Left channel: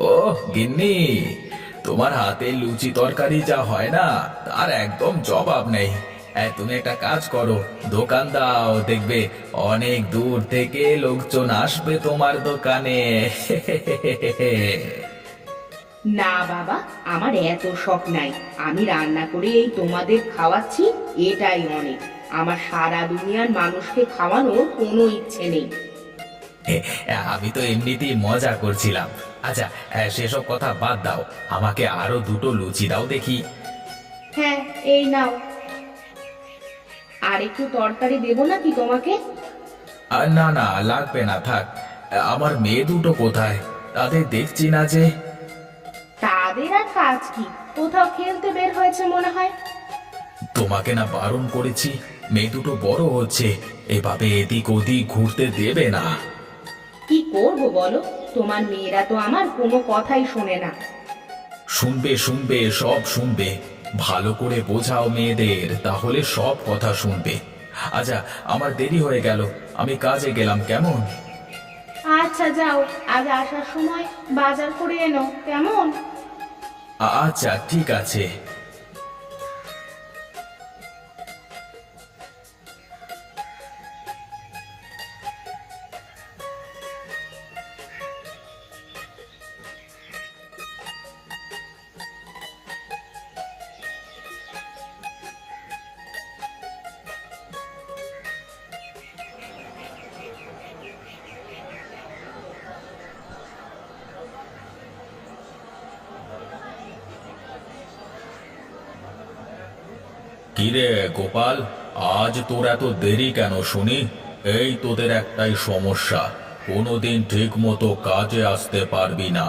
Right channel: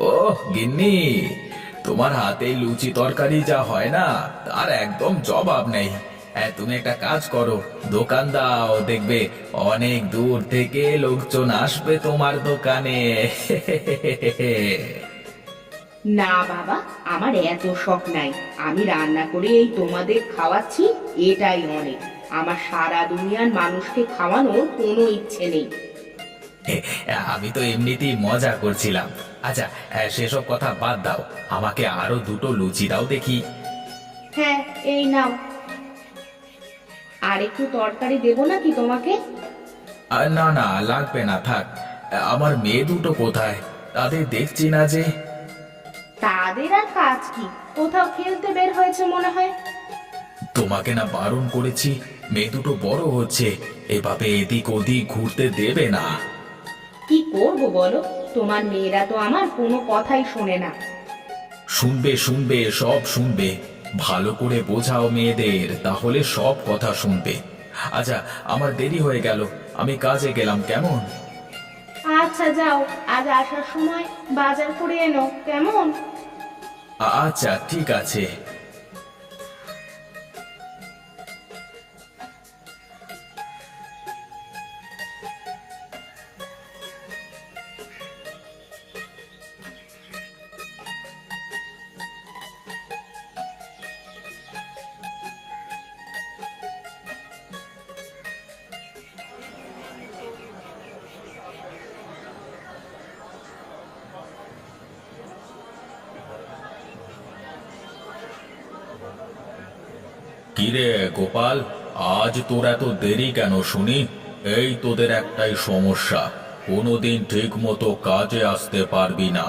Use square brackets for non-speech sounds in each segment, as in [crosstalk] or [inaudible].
ও গিন্নি, তোমার হাতে লুচি তরকারি যা হয় না, তার একদম জবাব নেই। হ্যাঁ তুমি একটা কাজ করো, দোকান দাও, দেখবে অনেক দূর থেকে লোকজন আসবে তোমার দোকানে। না বাবা, আমার এত শখ নাই। আমি রান্না করে এই তোমাদের খাওয়াচ্ছি, এটাই অনেক। আমার সারা দুনিয়ার মানুষকে খাওয়ানোর কোনো ইচ্ছে নেই। আমি তো এমনিতেই মজা করছিলাম। আচ্ছা হ্যাঁ, সেসব কথা বাদ দাও। আমাকে আরও দুটো লুচি দাও দেখি। হ্যাঁ এই নাও। আর একটু তরকারি দেবো নাকি তোমাকে? না না লাগবে না থাক। আমার মেয়ে দুটো কোথায়? তাদের দেখছি না যে। তাদের আর কাজ কি? কোথাও খেলতে বের হয়েছে মনে হয়। তোমাকে না বারণ করেছি মেয়ে দুটো বড় হচ্ছে। এভাবে এদিক ওদিক ঘুরতে দেবে না। করব বলো? তোমার মেয়েরা তো আমার কোনো কথাই শোনে না। শুনবে শুনবে সব শুনবে। ভালো করে বোঝাও মেয়েদের তাহলে সব কথা শুনবে। আচ্ছা আমার দেরি হয়ে গেল। আমি কাজে গেলাম কেমন? আচ্ছা যাও। আজ আসার সময় বাজার করে এনো কেমন? আচ্ছা ঠিক আছে। কিরে গোপাল আজ তোর এত দেরি কেন শুনি? এই তোদের একটাই সমস্যা কোনোদিন ঠিক মতো কাজে আসতে পারবি না।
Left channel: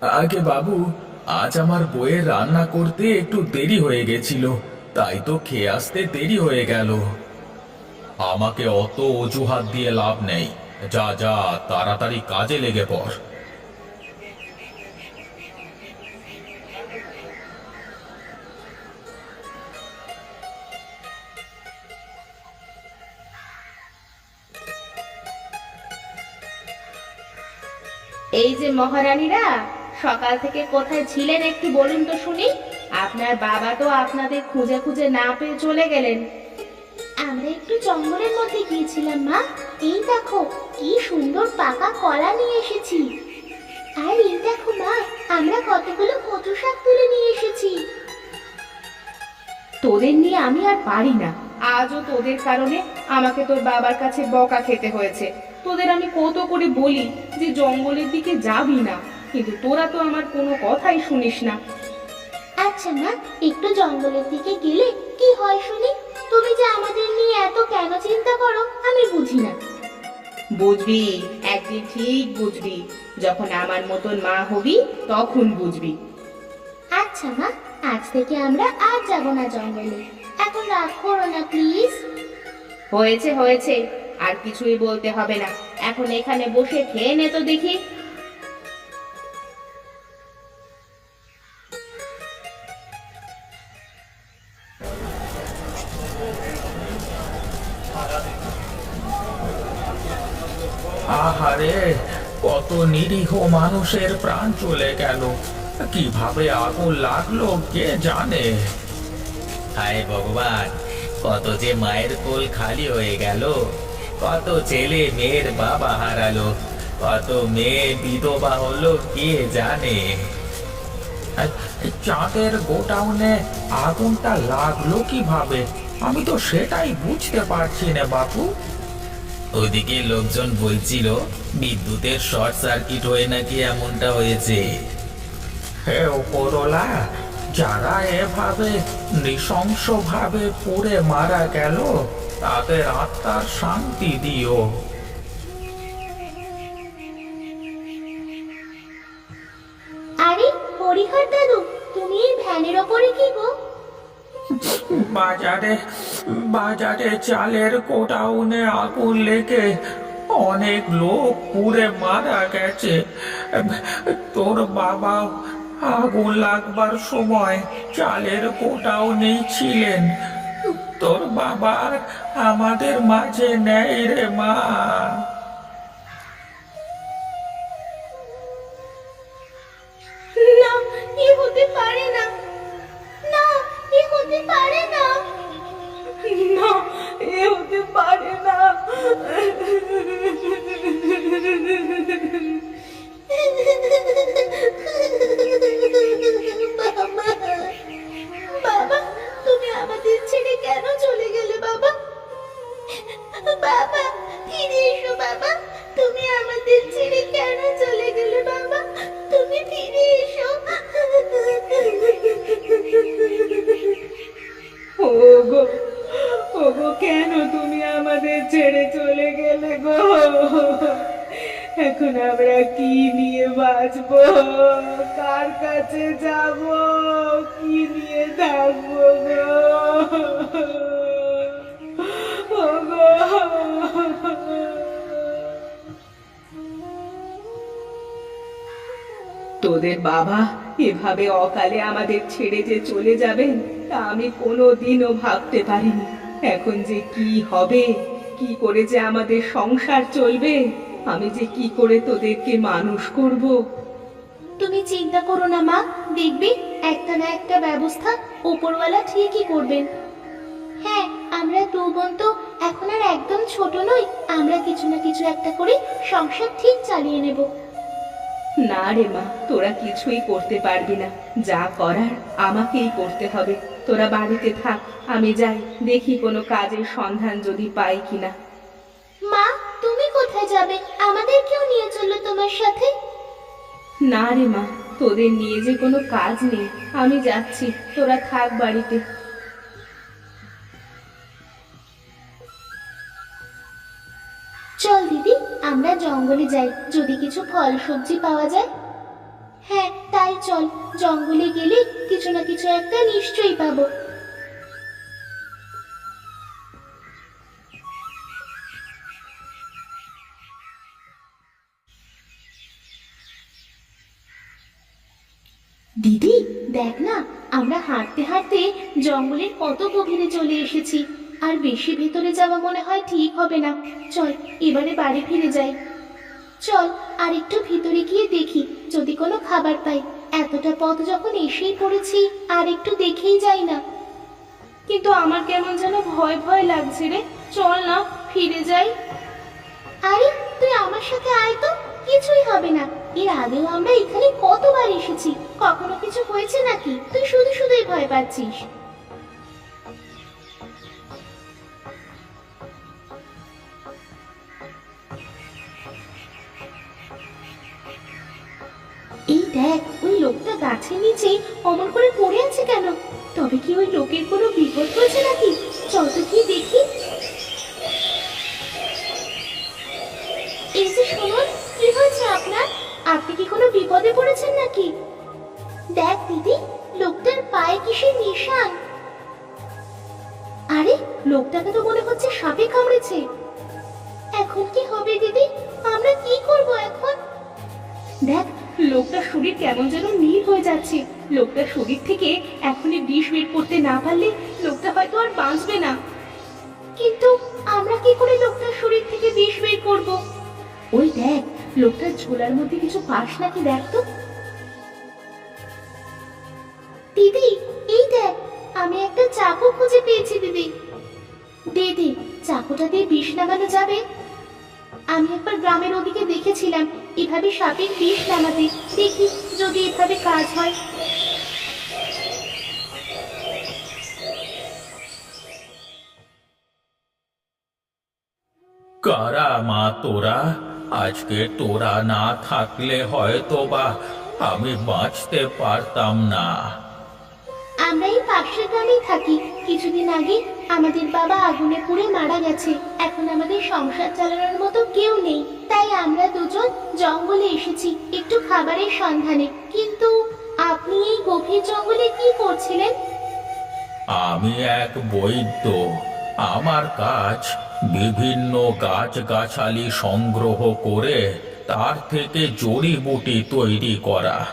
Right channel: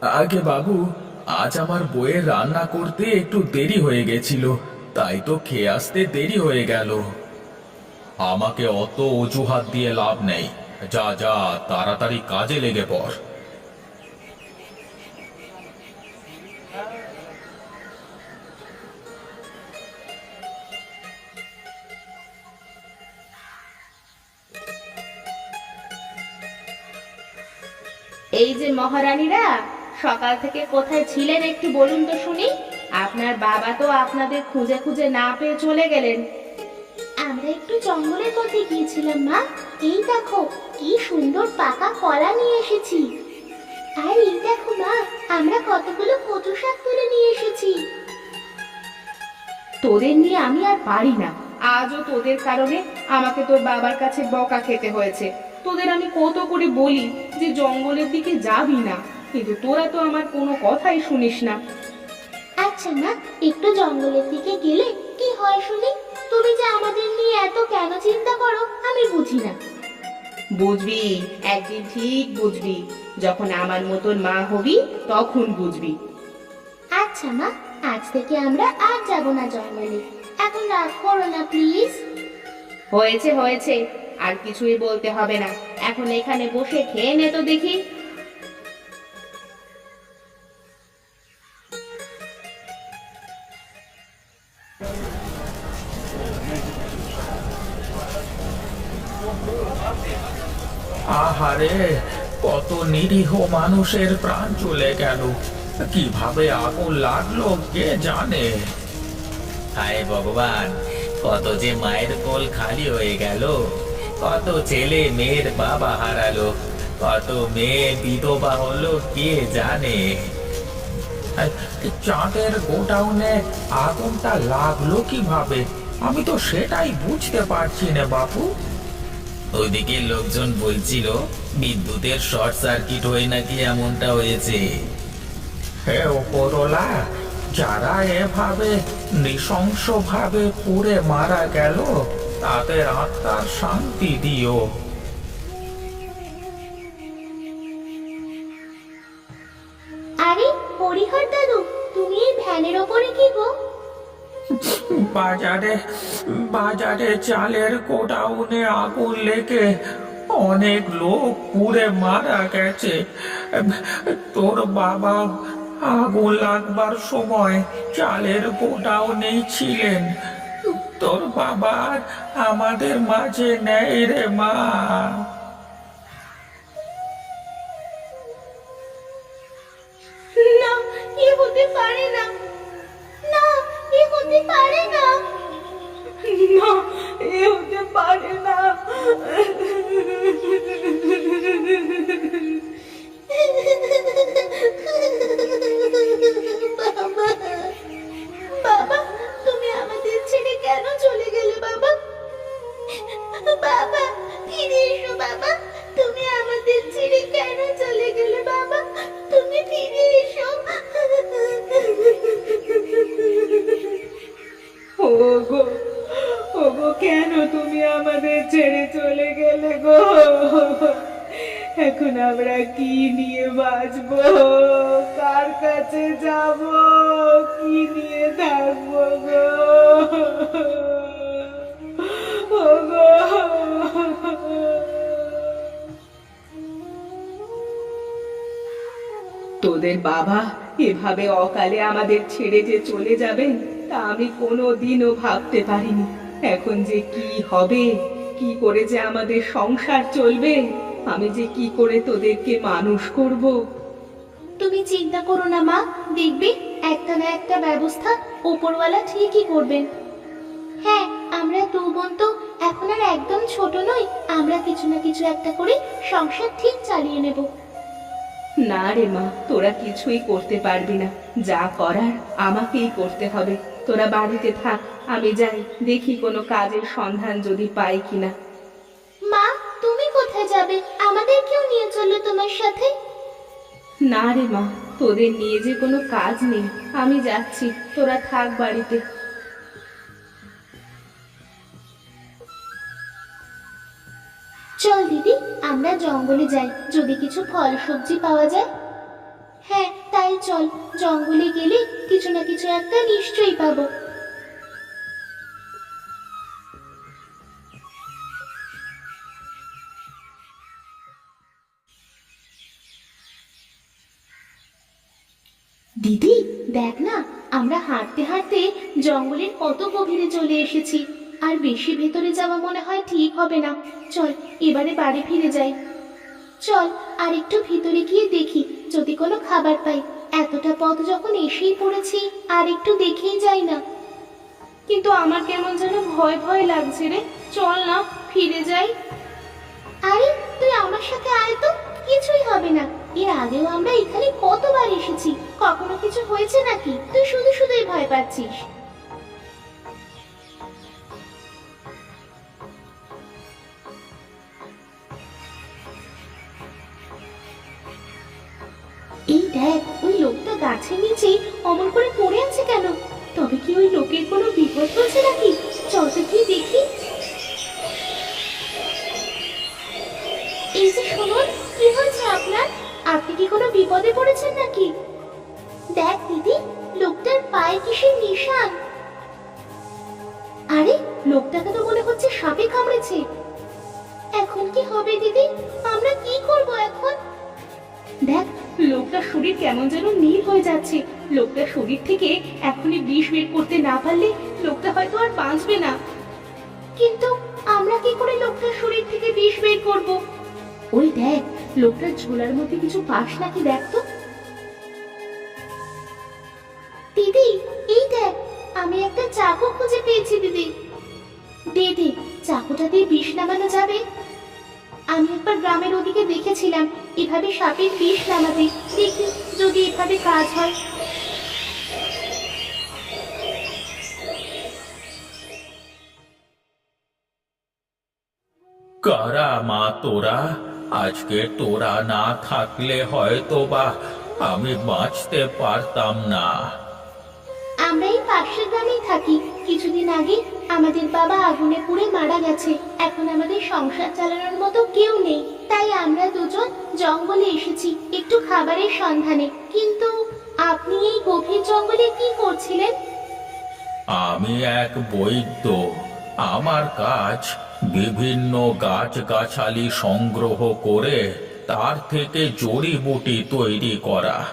আগে বাবু আজ আমার বইয়ের রান্না করতে একটু দেরি হয়ে গেছিল তাই তো খেয়ে আসতে দেরি হয়ে গেল। আমাকে অত অজুহাত দিয়ে লাভ নেই। যা যা তাড়াতাড়ি কাজে লেগে পড়। এই যে মহারানীরা সকাল থেকে কোথায় ছিলেন একটু বলুন তো শুনি। আপনার বাবা তো আপনাদের খুঁজে খুঁজে না পেয়ে চলে গেলেন। আমরা একটু জঙ্গলের মধ্যে গিয়েছিলাম মা। এই দেখো কি সুন্দর পাকা কলা নিয়ে এসেছি। আর এই দেখো মা আমরা কতগুলো কচু শাক তুলে নিয়ে এসেছি। তোদের নিয়ে আমি আর পারি না। আজও তোদের কারণে আমাকে তোর বাবার কাছে বকা খেতে হয়েছে। তোদের আমি কত করে বলি যে জঙ্গলের দিকে যাবি না কিন্তু তোরা তো আমার কোনো কথাই শুনিস না। আচ্ছা মা একটু জঙ্গলের দিকে গেলে কি হয় শুনি? তুমি যে আমাদের নিয়ে এত কেন চিন্তা করো আমি বুঝি না। বুঝবি একদিন ঠিক বুঝবি। যখন আমার মতন মা হবি তখন বুঝবি। আচ্ছা মা আজ থেকে আমরা আর যাব না জঙ্গলে। এখন রাগ করো না প্লিজ। হয়েছে হয়েছে। আর কিছুই বলতে হবে না। এখন এখানে বসে খেয়ে নে তো দেখি। আহারে কত নিরীহ মানুষের প্রাণ চলে গেল। কীভাবে আগুন লাগল কে জানে? হায় ভগবান কত যে মায়ের কোল খালি হয়ে গেল। কত ছেলে মেয়ের বাবা হারালো, কত মেয়ে বিধবা হলো কে জানে? চাঁদের গোডাউনে আগুনটা লাগল কীভাবে? আমি তো সেটাই বুঝতে পারছি না, বাপু। ওইদিকে লোকজন বলছিল, বিদ্যুতের শর্ট সার্কিট হয়ে নাকি এমনটা হয়েছে। হে ওপরলা যারা এভাবে নৃশংসভাবে পুড়ে মারা গেল তাদের আত্মার শান্তি দিও। আরে হরিহর দাদু তুমি এই ভ্যানের ওপরে কি গো? বাজারে বাজারে চালের গোডাউনে আগুন লেগে অনেক লোক পুড়ে মারা গেছে। তোর বাবা আগুন লাগবার সময় চালের গোডাউনেই ছিলেন। তোর বাবার আমাদের মাঝে নেই রে মা। না, এ হতে পারে না। এ হতে না। [laughs] এখন আমরা কি নিয়ে বাঁচবো? কার কাছে যাব? কি নিয়ে থাকব গো? তোদের বাবা এভাবে অকালে আমাদের ছেড়ে যে চলে যাবেন, তা আমি কোনো দিনও ভাবতে পারিনি। এখন যে কি হবে, কি করে যে আমাদের সংসার চলবে আমি যে কি করে তোদেরকে মানুষ করব? তুমি চিন্তা করো না মা। দেখবে একটা না একটা ব্যবস্থা ওপরওয়ালা ঠিকই করবেন। হ্যাঁ আমরা দু বোন তো এখন আর একদম ছোট নই। আমরা কিছু না কিছু একটা করে সংসার ঠিক চালিয়ে নেব। না রে মা তোরা কিছুই করতে পারবি না। যা করার আমাকেই করতে হবে। তোরা বাড়িতে থাক আমি যাই। দেখি কোনো কাজের সন্ধান যদি পাই কিনা। মা তুমি যাবে আমাদেরকেও নিয়ে চলো তোমার সাথে। না রে মা তোদের নিয়ে যে কোনো কাজ নেই। আমি যাচ্ছি তোরা থাক বাড়িতে। চল দিদি আমরা জঙ্গলে যাই যদি কিছু ফল সবজি পাওয়া যায়। হ্যাঁ তাই চল জঙ্গলে গেলে কিছু না কিছু একটা নিশ্চয়ই পাবো। দিদি দেখ না আমরা হাঁটতে হাঁটতে জঙ্গলের কত গভীরে চলে এসেছি। আর বেশি ভেতরে যাওয়া মনে হয় ঠিক হবে না। চল এবারে বাড়ি ফিরে যাই। চল আর একটু ভিতরে গিয়ে দেখি যদি কোনো খাবার পাই। এতটা পথ যখন এসেই পড়েছি আর একটু দেখেই যাই না। কিন্তু আমার কেমন যেন ভয় ভয় লাগছে রে। চল না ফিরে যাই। আরে তুই আমার সাথে আয় তো। কিছুই হবে না। এর আগেও আমরা এখানে কতবার এসেছি? কখনো কিছু হয়েছে নাকি? তুই শুধু শুধুই ভয় পাচ্ছিস। এই দেখ, ওই লোকটা গাছের নিচে অমন করে পড়ে আছে কেন? তবে কি ওই লোকের কোনো বিপদ হয়েছে নাকি? চল তো গিয়ে দেখি। বিপদে পড়েছেন নাকি? দেখ দিদি, লোকটার পায়ে কিসের নিশান? আরে, লোকটাকে তো মনে হচ্ছে সাপে কামড়েছে। এখন কি হবে দিদি? আমরা কি করব এখন? দেখ, লোকটার শরীর কেমন যেন নীল হয়ে যাচ্ছে। লোকটার শরীর থেকে এখনই বিষ বের করতে না পারলে লোকটা হয়তো আর বাঁচবে না। কিন্তু আমরা কি করে লোকটার শরীর থেকে বিষ বের করব? ওই দেখ লোকটার ঝোলার মধ্যে কিছু পাস নাকি দেখ তো। দিদি এই দেখ আমি একটা চাকু খুঁজে পেয়েছি দিদি। দিদি চাকুটা দিয়ে বিষ নামানো যাবে। আমি একবার গ্রামের ওদিকে দেখেছিলাম এভাবে সাপের বিষ নামাতে। দেখি যদি এভাবে কাজ হয়। কারা মা তোরা? আজকে তোরা না থাকলে হয়তো বা আমি বাঁচতে পারতাম না। আমরা এই পাশের গ্রামেই থাকি। কিছুদিন আগে আমাদের বাবা আগুনে পুড়ে মারা গেছে। এখন আমাদের সংসার চালানোর মতো কেউ নেই। তাই আমরা দুজন জঙ্গলে এসেছি একটু খাবারের সন্ধানে। কিন্তু আপনি এই গভীর জঙ্গলে কি করছিলেন? আমি এক বৈদ্য। আমার কাজ বিভিন্ন গাছগাছালি সংগ্রহ করে তার থেকে জড়িবুটি তৈরি করা।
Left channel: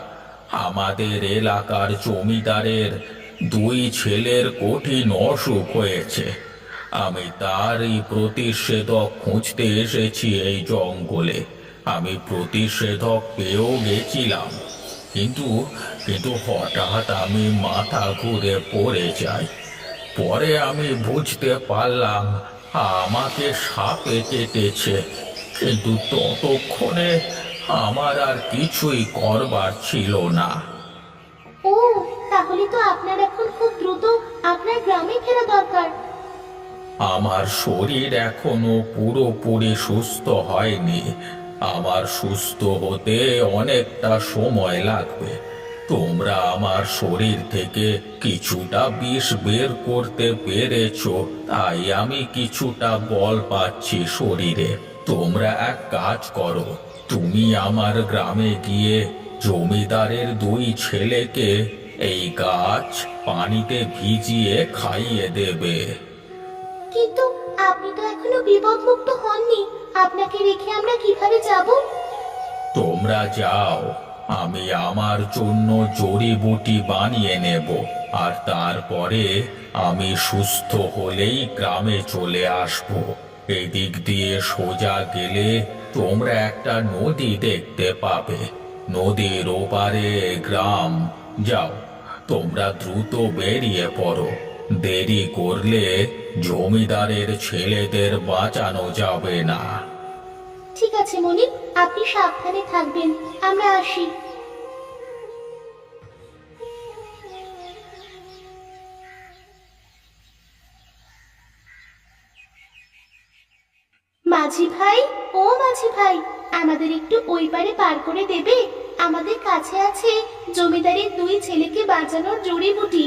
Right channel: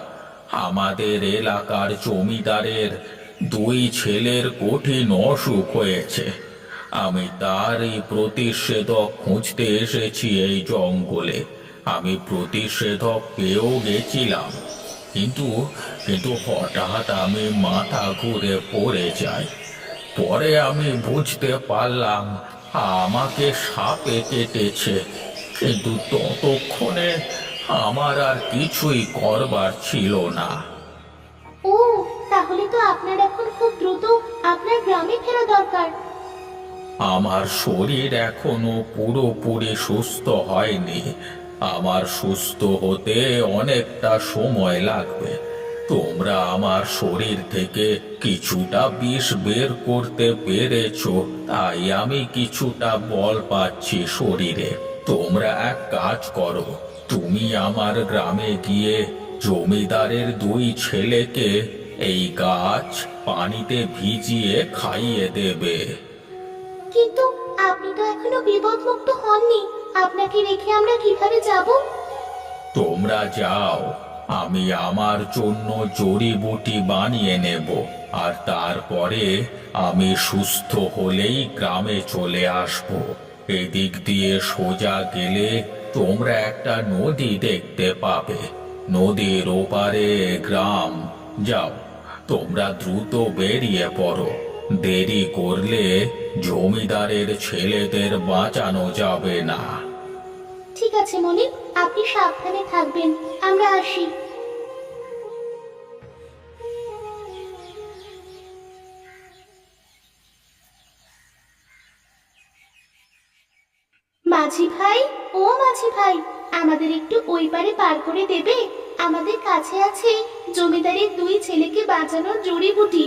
আমাদের এলাকার জমিদারের দুই ছেলের কঠিন অসুখ হয়েছে। আমি তারই প্রতিষেধক খুঁজতে এসেছি এই জঙ্গলে। আমি প্রতিষেধক পেয়েও গেছিলাম। কিন্তু কিন্তু হঠাৎ আমি মাথা ঘুরে পড়ে যাই। পরে আমি বুঝতে পারলাম আমাকে সাপে কেটেছে কিন্তু ততক্ষণে আমার আর কিছুই করবার ছিল না। ও তাহলে তো আপনার এখন খুব দ্রুত আপনার গ্রামে ফেরা দরকার। আমার শরীর এখনও পুরোপুরি সুস্থ হয়নি। আমার সুস্থ হতে অনেকটা সময় লাগবে। তোমরা আমার শরীর থেকে কিছুটা বিষ বের করতে পেরেছ তাই আমি কিছুটা বল পাচ্ছি শরীরে। তোমরা এক কাজ করো তুমি আমার গ্রামে গিয়ে জমিদারের দুই ছেলেকে এই গাছ পানিতে ভিজিয়ে খাইয়ে দেবে। কিন্তু আপনি তো এখনও বিপদমুক্ত হননি। আপনাকে রেখে আমরা কীভাবে যাব? তোমরা যাও আমি আমার জন্য জড়িবুটি বানিয়ে নেব, আর তারপরে আমি সুস্থ হলেই গ্রামে চলে আসব। এদিক দিয়ে সোজা গেলে তোমরা একটা নদী দেখতে পাবে। নদীর ওপারে গ্রাম, যাও, তোমরা দ্রুত বেরিয়ে পড়ো। দেরি করলে জমিদারের ছেলেদের বাঁচানো যাবে না। ঠিক আছে মনির আপনি সাবধানে থাকবেন। আমরা আসি। মাঝি ভাই, ও মাঝি ভাই, আমাদের একটু ওই পারে পার করে দেবে? আমাদের কাছে আছে জমিদারের দুই ছেলেকে বাঁচানোর জড়িবুটি।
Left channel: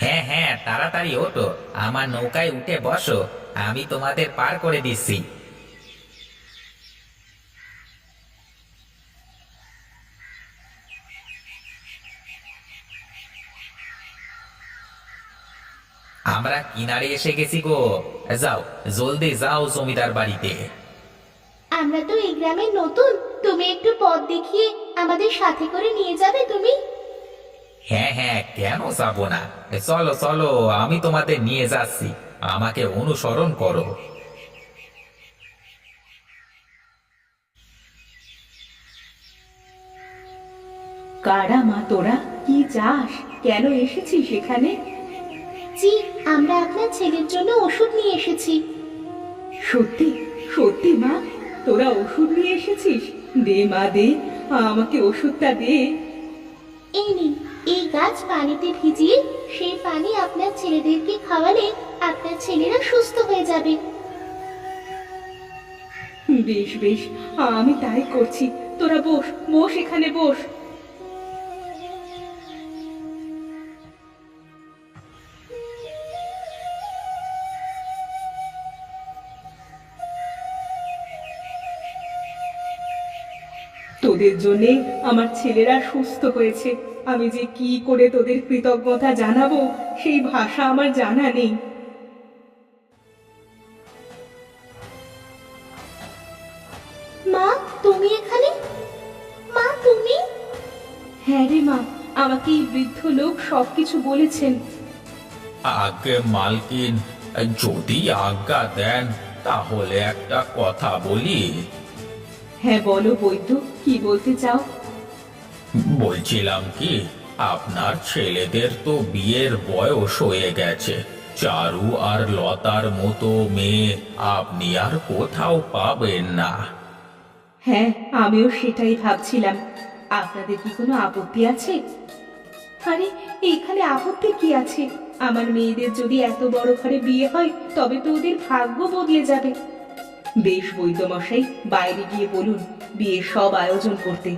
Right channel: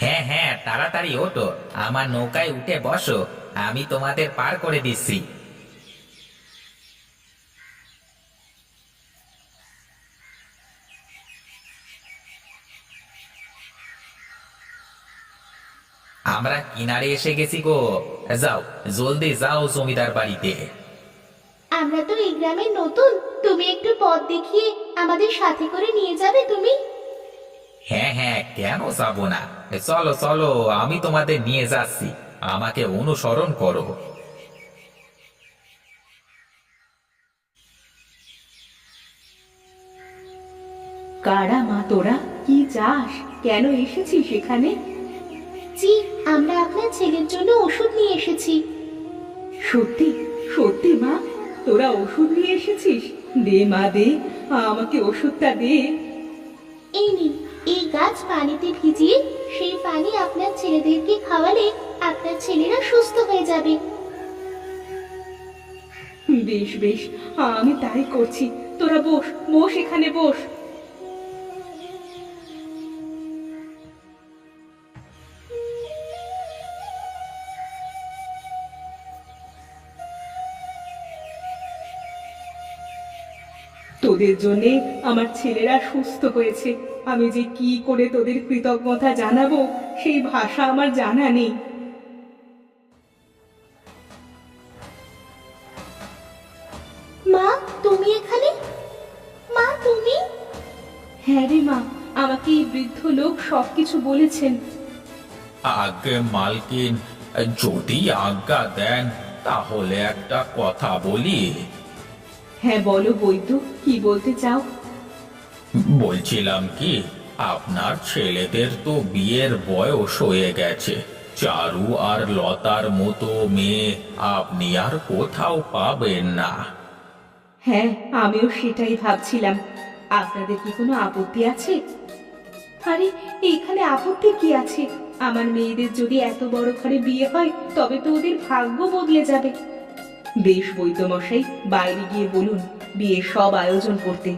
হ্যাঁ হ্যাঁ তাড়াতাড়ি ওঠো। আমার নৌকায় উঠে বসো। আমি তোমাদের পার করে দিচ্ছি। আমরা কিনারে এসে গেছি গো। যাও জলদি যাও জমিদার বাড়িতে। আমরা তো এই গ্রামের নতুন তুমি একটু পথ দেখিয়ে আমাদের সাথে করে নিয়ে যাবে তুমি? হ্যাঁ হ্যাঁ কেন যাব না? চলো চলো আমি তোমাদের নিয়ে যাচ্ছি। আমাকে অনুসরণ করো। কারা মা তোরা? কি চাস? কেন এসেছিস এখানে? জি আমরা আপনার ছেলের জন্য ওষুধ নিয়ে এসেছি। সত্যি? সত্যি মা? তোরা ওষুধ নিয়ে এসেছিস? দে মা দে। আমাকে ওষুধটা দে। এই নিন এই গাছ পানিতে ভিজিয়ে সেই পানি আপনার ছেলেদেরকে খাওয়ালে আপনার ছেলেরা সুস্থ হয়ে যাবে। বেশ বেশ। আমি তাই করছি। তোরা বস বস এখানে বস। তোদের জন্যে আমার ছেলেরা সুস্থ হয়েছে। আমি যে কি করে তোদের কৃতজ্ঞতা জানাব সেই ভাষা আমার জানা নেই। মা তুমি এখানে? মা তুমি? হ্যাঁ রে মা আমাকে এই বৃদ্ধ লোক সবকিছু বলেছেন। আগে মালকিন যদি আজ্ঞা দেন তাহলে একটা কথা বলি। হ্যাঁ বলো বৈদ্য। কি বলতে চাও? বলছিলাম কি আপনার ছেলেদের তো বিয়ের বয়স হয়ে গেছে। চারু আর লতার মতো মেয়ে আপনি আর কোথাও পাবেন না। হ্যাঁ আমিও সেটাই ভাবছিলাম। আপনাদের কি কোনো আপত্তি আছে? আরে এখানে আপত্তি কি আছে? আমার মেয়েদের যদি এত বড় ঘরে বিয়ে হয় তবে তো ওদের ভাগ্য বদলে যাবে। বেশ বৈদ্যমশাই বাইরে গিয়ে বলুন। বিয়ের সব আয়োজন করতে।